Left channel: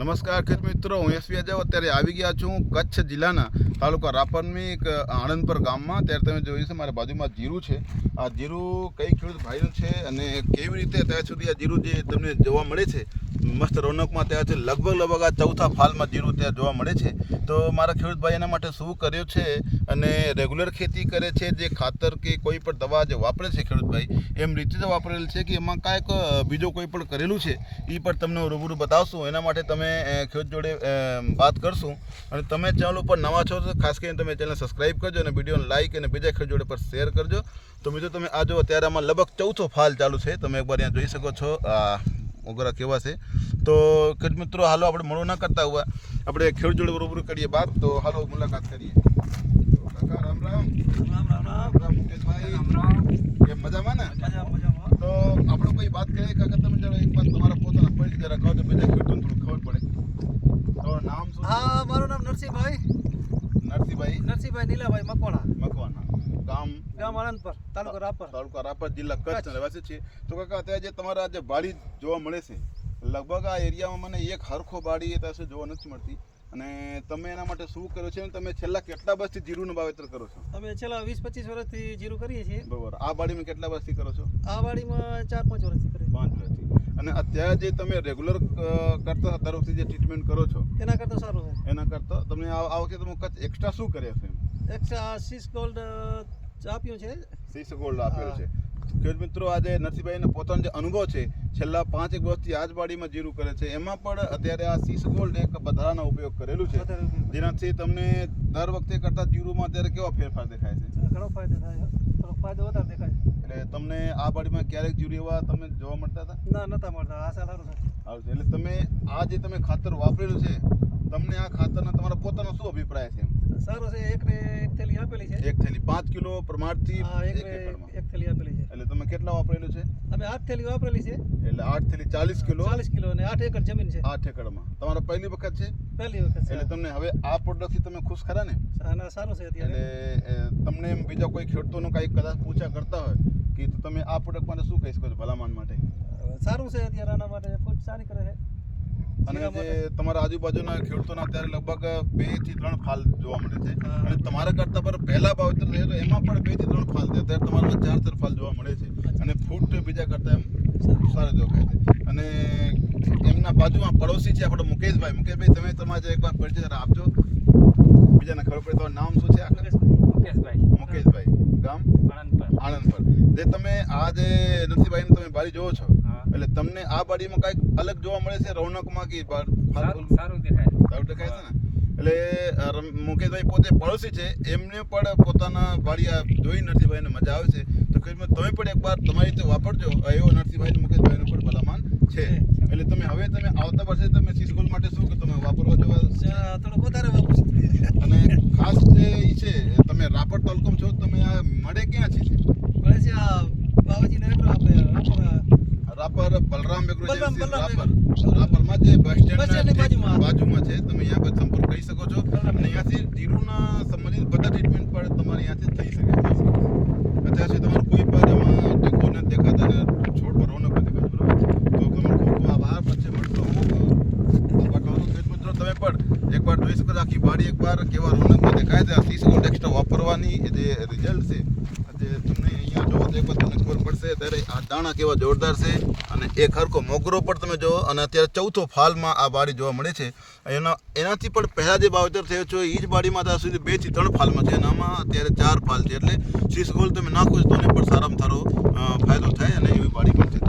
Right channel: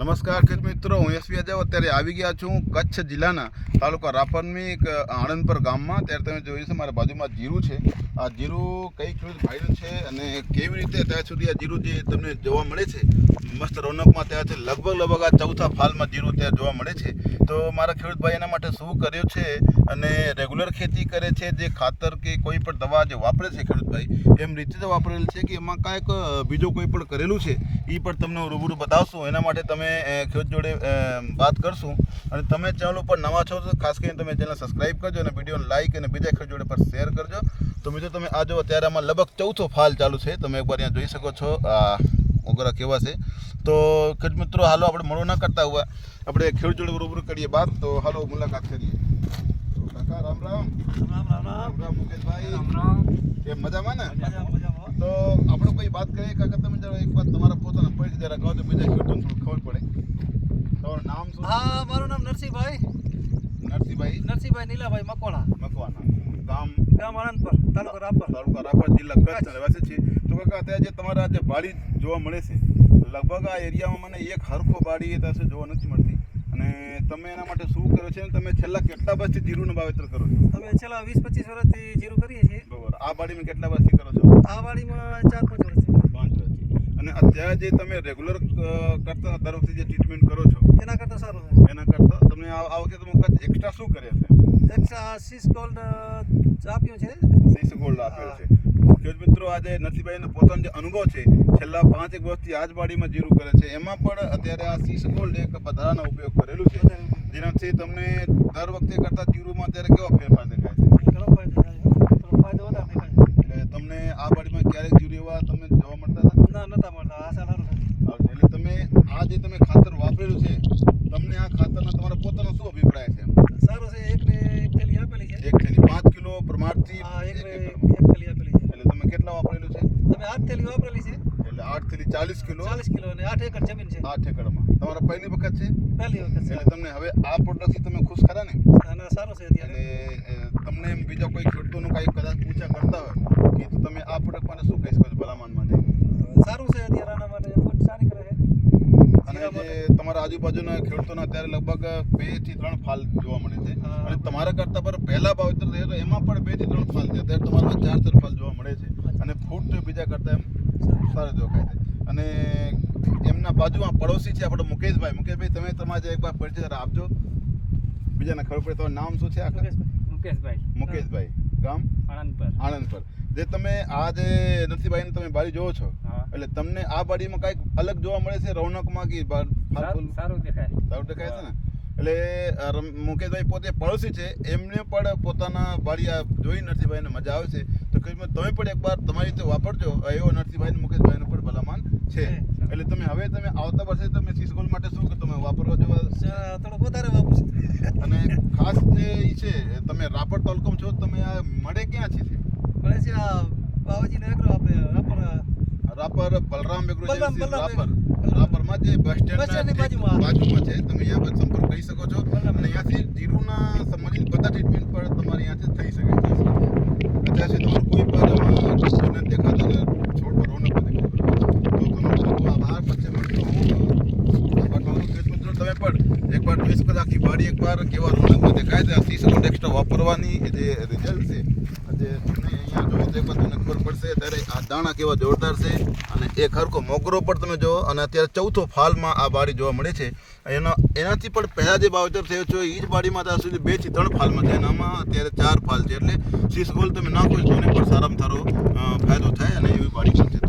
નમસ્કાર ખેડૂત મિત્રો, હું એસવી અજાવ અત્યારે આવી ગયા છું કચ્છ જિલ્લાના તાલુકા રાપરની એક આણંદપર ગામમાં. ત્યારે તમે જોઈ છે મારા બાજુમાં જીરું છે. આ જીરું કઈ ખેડૂત ભાઈનું છે અને કેવી રીતે ત્યાં સુધી આ જીરું જે તમને જોવા મળે છે મસ્ત રોનકમાં, ત્યાં છે લગભગ આ ચોથા ફાલમાં જીરું ત્યાં જોવા મળે છે. તો મારા ખેડૂત ભાઈ એના માટે શું કર્યું છે અને રેગ્યુલર ખેતી કરે છે, જે ખાતર કે કોઈ પણ દવા જે વાપરે છે ખેડૂત ભાઈ એમ રીતે જ વાપરેલ છે કે એમાં કાંઈક બીજું કોઈ પણ કરેલું છે એ પણ તમને રૂબરૂ બતાવશું. એના માટે તમે ખેડૂત જોડે વાત કરશું. અને તમે ચેનલ ઉપર નવા છો તો ખાસ કરીને તમે ચેનલ સબસ્ક્રાઈબ કરજો અને વિડીયોને લાઈક અને બીજા ખેડૂત જોડે પર શેર કરજો. તો મિત્રો તમે આ જો અત્યારે આમાં લગભગ ચોથો ફાલ ચાલુ છે, તમે એકવાર અહીંયા જોઈ શકો છો ઓગરા કેવા છે. તો ખેડૂત મિત્રો હાલો આપણે મોડું ના કરતા હોય, આપણે ખેડૂત જોડે રૂબરૂ કરીએ બાત. તો હાલો મુલાકાત કરીએ. કાકા રામ રામ. રામ મુકેશભાઈ, કે મજામાં ને? તો આપણે કોઈ વાત કરીએ કાકા, તમે જરા એક વાત તમારા પોતાના પરિચય રાખો તો બીજા ખેડૂતોને થોડું ખબર પડે. તમારું નામ શું? હા, મારું નામ નરસિંહભાઈ નીલાભાઈ મકવાણા. ગામ આણંદપર, તાલુકા રાપર, જિલ્લા કચ્છ રહેવાસી છે. તો કાકા અત્યારે જે તમારા જે વાડી જોવા મળે છે, લગભગ આ એરિયામાં મને એક હરખો વાડી પાસે જોવા નથી મળતી. અને તમે એના માટે શું કરો છો? તમે છેલ્લા કેટલા વર્ષથી જીરુંનું વાવેતર કરો છો? અમે છેલ્લા 20-25 વર્ષથી જીરું કરીએ છીએ. બરાબર. આ વાડીમાં કેટલા વર્ષથી કરો છો? આ વાડીમાં 4-5 વર્ષથી. 5 વર્ષથી. અને અત્યારે જે તમે રેગ્યુલર કરતા દર વખતે જે ટ્રીટમેન્ટ કરો છો એના કરતાં સારું છે. એના કરતાં તમને આ વખતે તમે કચ્છ એક્સ્ટ્રા શું કરે છે? એક્સ્ટ્રા સીસ ગોલ્ડ આપ્યું છે. સીસ ગોલ્ડ આપેલું છે. ખેડૂત મિત્રો, આજે નરસિંહભાઈનો પોતાનો જે અનુભવ છે છેલ્લા 5 વર્ષથી આ જ વાડીમાં જીરું કરે છે, એમાં પણ અત્યારે આ સીસ ગોલ્ડ એક વધારાનો ઉપયોગ કરેલું છે, જેનાથી તમને દર વખતે કરતાં જીરુંમાં અત્યારે કેવો ફેરફાર દેખાય છે? ઘણો ફાયદો થાય, ફાયદો વધારે દેખાય. એટલે તમને આ વાડીમાં ક્યારેક જીરું એવા તમને જોવા મળતા હતા? નતા મળતા. આ સાલ સારું છે. એટલે તમે આ જે તમે ખાતર વાપરેલું છે, તમને આ ખાતરના તમારા પોતાનો શું અભિપ્રાય છે? સારું છે. એક થેલી આપેલી છે. એક થેલી 5 કિલો પ્રમાણથી એક થેલી આપેલી છે. એટલે તમે કેટલા વાપરેલું છે? અમે 8 થેલી વાપરેલી છે. એટલે 8 થેલી 40 કિલો અને 8 એકર જમીન છે. 8 એકરમાં તમારો પહેલી વખત છે? પહેલી વખત છે. એટલે તમને હવે આ પ્રોડક્ટથી તમે ખુશ ખરા ને? અને સારું છે અત્યારે. એટલે તમને એમ બીજા કોઈ ખેડૂતોનું કાંઈ કદાચ પૂછા કરતા હોય કે તો તમે આ પ્રોડક્ટ માટે શું કહી શકો છો ભલામણ માટે? સારું છે અત્યારે. આના માટે ફૂટ સારી કરે છે. અને જે તમારા આજુબાજુના ખેડૂતોના અત્યારે લગભગ 2 થી 3 ફાલ જોવા મળે છે. અને તમારા કરતાં પર પહેલા વાવેતર થયો તો એમાં પણ 2 થી 3 ફાલ છે, અત્યારે તમારા 4 ફાલ જોવા મળે છે. અને ફૂટ બીજા કરતાં એમ સારું દેખાય છે. અને એમના બાજુમાં પડોશી છે આપણો મુકેશભાઈ. તમે તમારે એકવાર પરિચય આપજો, બીજાને ખબર પડે. તમારું નામ શું છે? મુકેશભાઈ. ગામ આણંદપર. જે તમે આ જે નરસિંહભાઈની તમે બારી જોવો છો, એટલે તમને આ બારીમાં કાંઈક અલગ જોવા મળે છે રૌનકમાં કે સારું દેખાય છે ને? એટલે મુકેશભાઈ પોતે પડોશી છે, એમને પણ પોતાના બારીયા જોઈ નરસિંહભાઈને મજા આવે છે. તો તમે પણ એકવાર તમારી રીતે વાપરજો. એવો નરસિંહભાઈ મુકેશભાઈનું પણ ભલામણ છે. એટલે તમે આવતા વર્ષે તમે સીસ ગોલ્ડ માટે શું તમે વાપરવા જવા થોડું વધારે વાપરશું. અને ખાસ જે ઈ છે, તમે રાપર તાલુકામાં છો, તમે આ મળે ક્યાં છે? મળે છે આ બાવાજીનો એગ્રો, આપણે રાપર બલરામ એગ્રો રાપરમાં જે બસ સ્ટેન્ડની બાજુમાં છે. તમે અહીંયા પર સંપર્ક કરી શકો છો. અને અહીંયાથી જીરુના સંબંધિત બધા ટ્રીટમેન્ટ પણ તમારે અહીંયાથી થઈ શકે છે. અત્યારથી તમારે કોઈ પણ દેખાતા ને છોડ પર રોનક નથી દેખાતો. તો તમારો ખૂબ આભાર. પછી મળતો તમે પણ એકવાર જોઈ શકો છો આખી બાડી એકવાર કેવા રોનકમાં દેખાય છે. 30 ગોલ્ડ એક્સ્ટ્રા વાપરવાની જે રિઝલ્ટ છે, જે તમને અહીંયા જોવો તો એકવાર તમને ખબર પડશે. ત્યારે આ દાણા કેવા જોરદાર છે. અને એક હરખો મોગરો પણ તમે જુઓ. અને અત્યારે ચોથો ફાલમાં આ બાડી જોવા મળે છે. એનાથી પણ પહેલાં જે વાવેતર થયો છે એ જ બાડીમાં ત્યાં સુધી 2 થી 3 ફાલમાં છે, અને આમાં અત્યારે 4 ફાલ છે. એટલે સીસ ગોલ્ડ તમે નાખો તો એને પણ સારામાં સારો ફાયદો થાય અને એવી બાડી પણ છે.